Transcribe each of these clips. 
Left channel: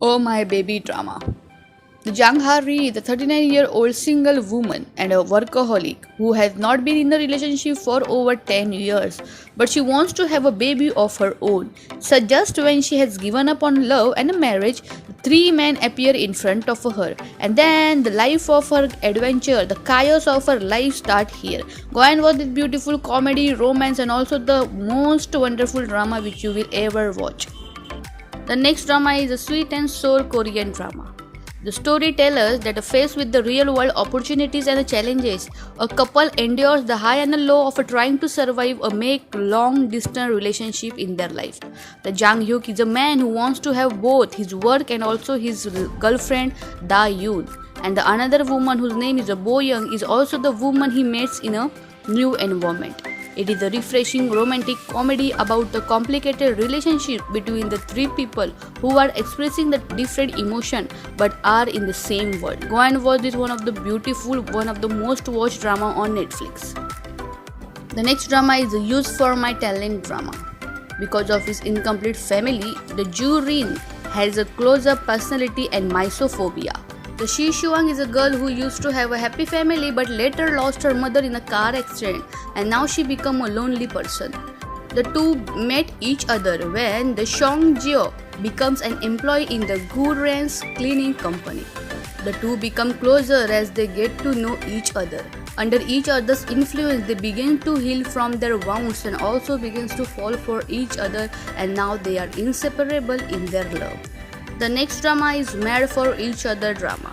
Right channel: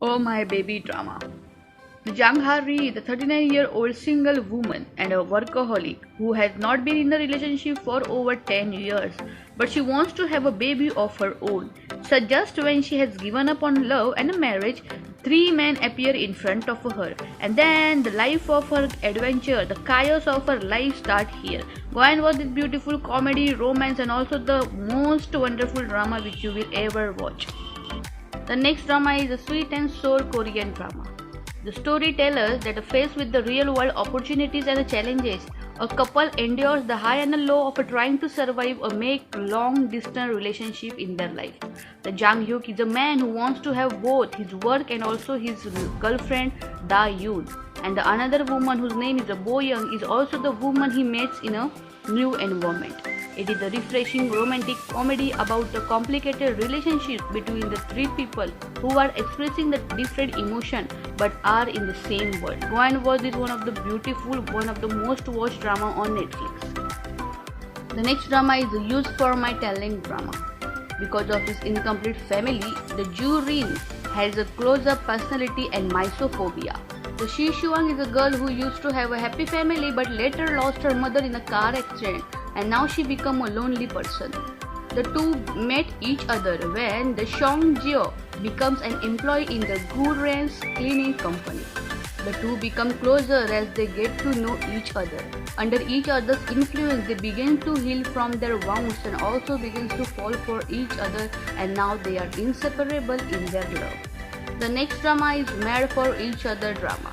Oh My Baby drama. Jang Ha-ri, the 39-year-old single woman and a workaholic who has not been in a relationship for over 10 years, but she wants to have a baby of her own. So just when she has given up on love and marriage, three men appear in front of her, and then the life of her adventure, the chaos of her life start here. Go and watch this beautiful comedy, romance, and also the most wonderful drama which you will ever watch. The next drama is a sweet and sour Korean drama. The story tells us that faced with the real world opportunities and the challenges, a couple endures the high and the low of trying to survive a make long distance relationship in their life. The Jang Hyuk is a man who wants to have both his work and also his girlfriend Da Yoon. And the another woman whose name is Bo Young is also the woman he meets in a new environment. It is a refreshing romantic comedy about the complicated relationship between the three people who are expressing the different emotion but are in the same world. Go and watch this one of the beautiful, one of the most watched drama on Netflix. The next drama is the Use for My Talent drama. Because of his incomplete family, the Ju Rin has a close-up personality and misophobia. The Shi Shuang is a girl who used to have a happy family but later lost her mother in a car accident and now she became a lonely person. The two met each other when the Shong Jio becomes an employee in the Gu Ren's cleaning company. The two become closer as they get to know each other. Under each other's influence, they begin to heal from their wounds and also begins to fall for each other, and now they are inseparable in their love. The next drama is Mad for Each Other drama.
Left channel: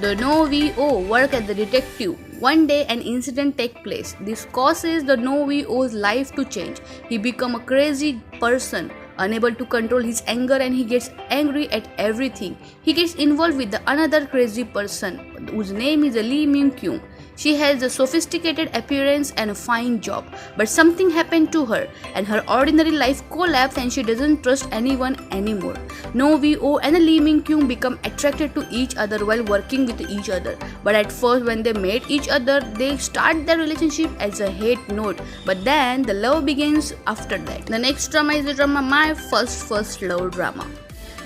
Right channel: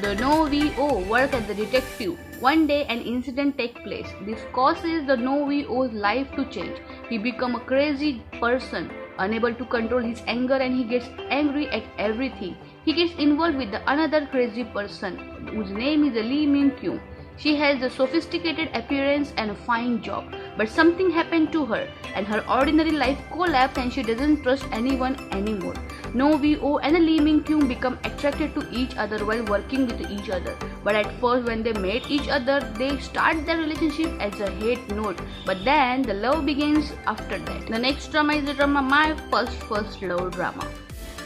The No VO work as a detective. One day an incident takes place. This causes the No VO's life to change. He becomes a crazy person, unable to control his anger, and he gets angry at everything. He gets involved with the another crazy person whose name is Lee Myung Kyung. She has a sophisticated appearance and a fine job, but something happened to her and her ordinary life collapsed and she doesn't trust anyone anymore. No VO and Lee Min Kyung become attracted to each other while working with each other. But at first when they meet each other, they start their relationship as a hate note, but then the love begins after that. The next drama is the drama My First Love drama.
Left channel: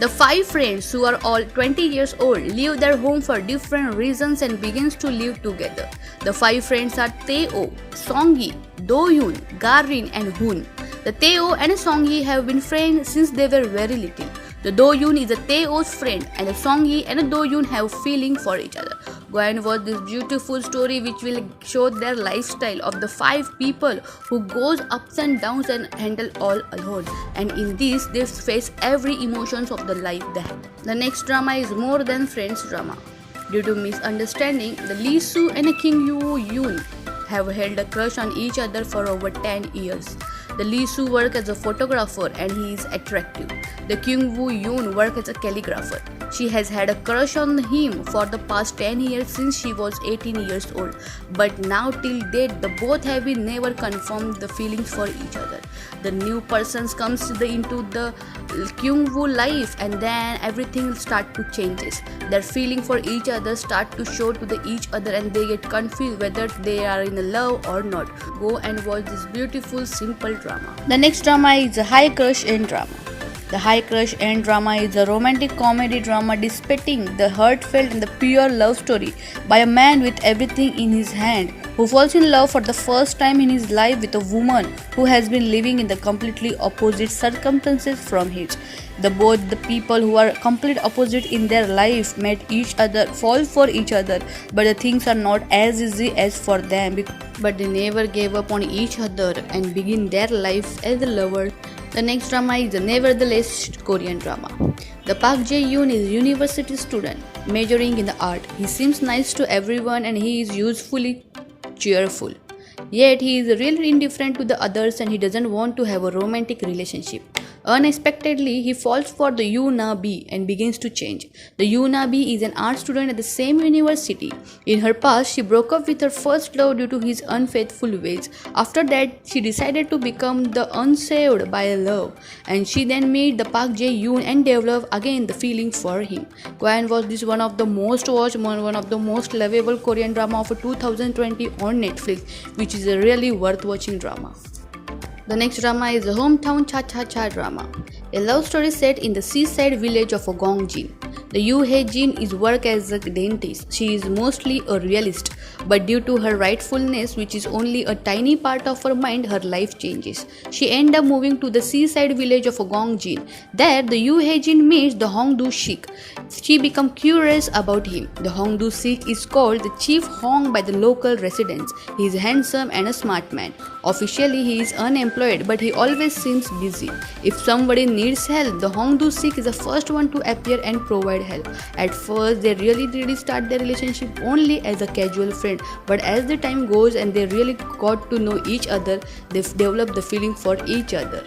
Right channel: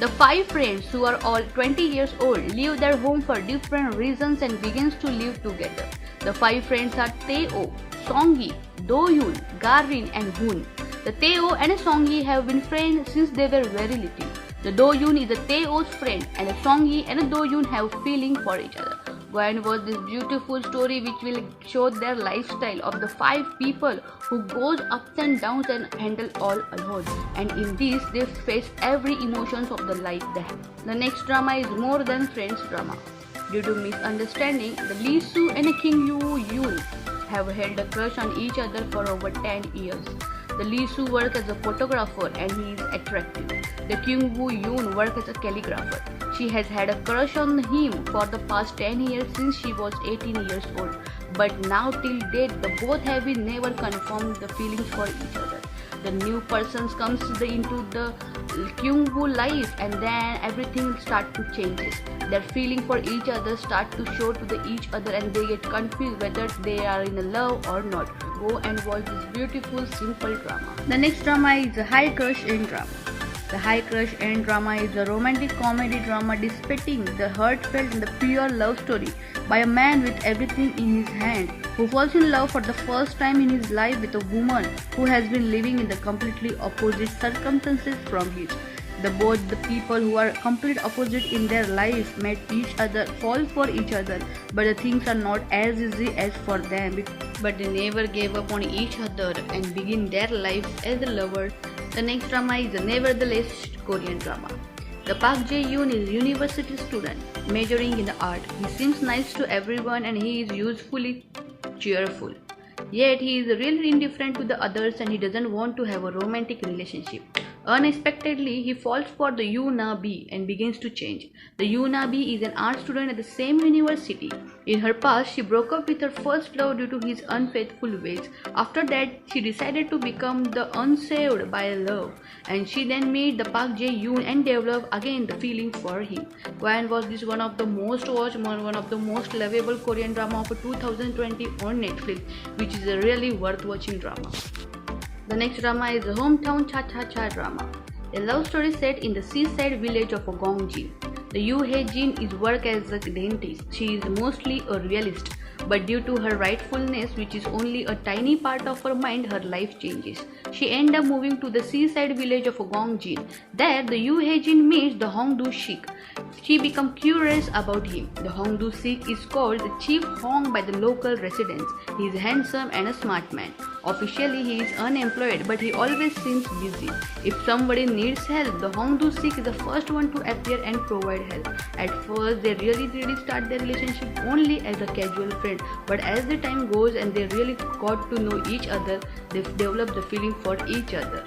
The five friends who are all 20 years old leave their home for different reasons and begins to live together. The five friends are Tae-oh, Song-gi, Do-yoon, Garin and Hoon. The Tae-oh and Song-gi have been friends since they were very little. The Do-yoon is a Tae-oh's friend and a Song-gi and a Do-yoon have feeling for each other. Go and watch this beautiful story which will show their lifestyle of the five people who goes ups and downs and handle all alone. And in this they face every emotions of the life they have. The next drama is More Than Friends drama. Due to misunderstanding, the Lee Soo and Kim Yoo Yoon have held a crush on each other for over 10 years. The Lee Soo works as a photographer and he is attractive. The Kyung Woo Yoon works as a calligrapher. She has had a crush on him for the past 10 years since she was 18 years old. But now till date, the both have been never confirmed the feelings for each other. The new person comes into the Kyung Woo life and then everything start to changes. Their feeling for each other start to show to each other and they get confused whether they are in love or not. Go and watch this beautiful simple drama. The next drama is a High Crush and Drama. The High Crush and Drama is a romantic comedy drama depicting the heartfelt and the pure love story by a man with everything in his hand who falls in love for the first time in his life with a woman who has been living in the completely opposite circumstances from his. Both the people who are complete opposite in their life met each other, fall for each other, but the things are not as easy as for them. But they never gave up on each other and begin their life as lovers. The next drama is the Nevertheless Korean drama. The Park Jae-yoon is a university student majoring in the art. He seems nice to everyone and he is usefully cheerful. Yet he is really indifferent to the others and he doesn't want to have a romantic relationship. Unexpectedly, he falls for the Yoo Na-bi and begins to change. The Yoo Na-bi is an art student at the same university. In her past, she broke up with her first love due to his unfaithful ways. After that, she decided to become the unsaved by love. And she then met the Park Jae-yoon and developed again the feeling for him. Go and watch this one of the most watched, one of the most lovable Korean drama of 2020 on Netflix, which is a really worth watching drama. The next drama is the Hometown Cha Cha Cha drama. a love story set in the seaside village of Gongjin. The Yoo Hae-jin is work as a dentist. She is mostly a realist, but due to her rightfulness, which is only a tiny part of her mind, her life changes. She ends up moving to the seaside village of Gongjin. There, the Yoo Hae-jin meets the Hongdu Sheikh. She becomes curious about him. The Hongdu Sheikh is called the Chief Hong by the local residents. He is handsome and a smart man. Officially, he is unemployed, but he always seems busy. If somebody needs help, the Hongdu Sheikh is the first one to appear and provide help. At first, they really start their relationship only as a casual friend, but as the time goes and they really got to know each other, they develop the feeling for each other.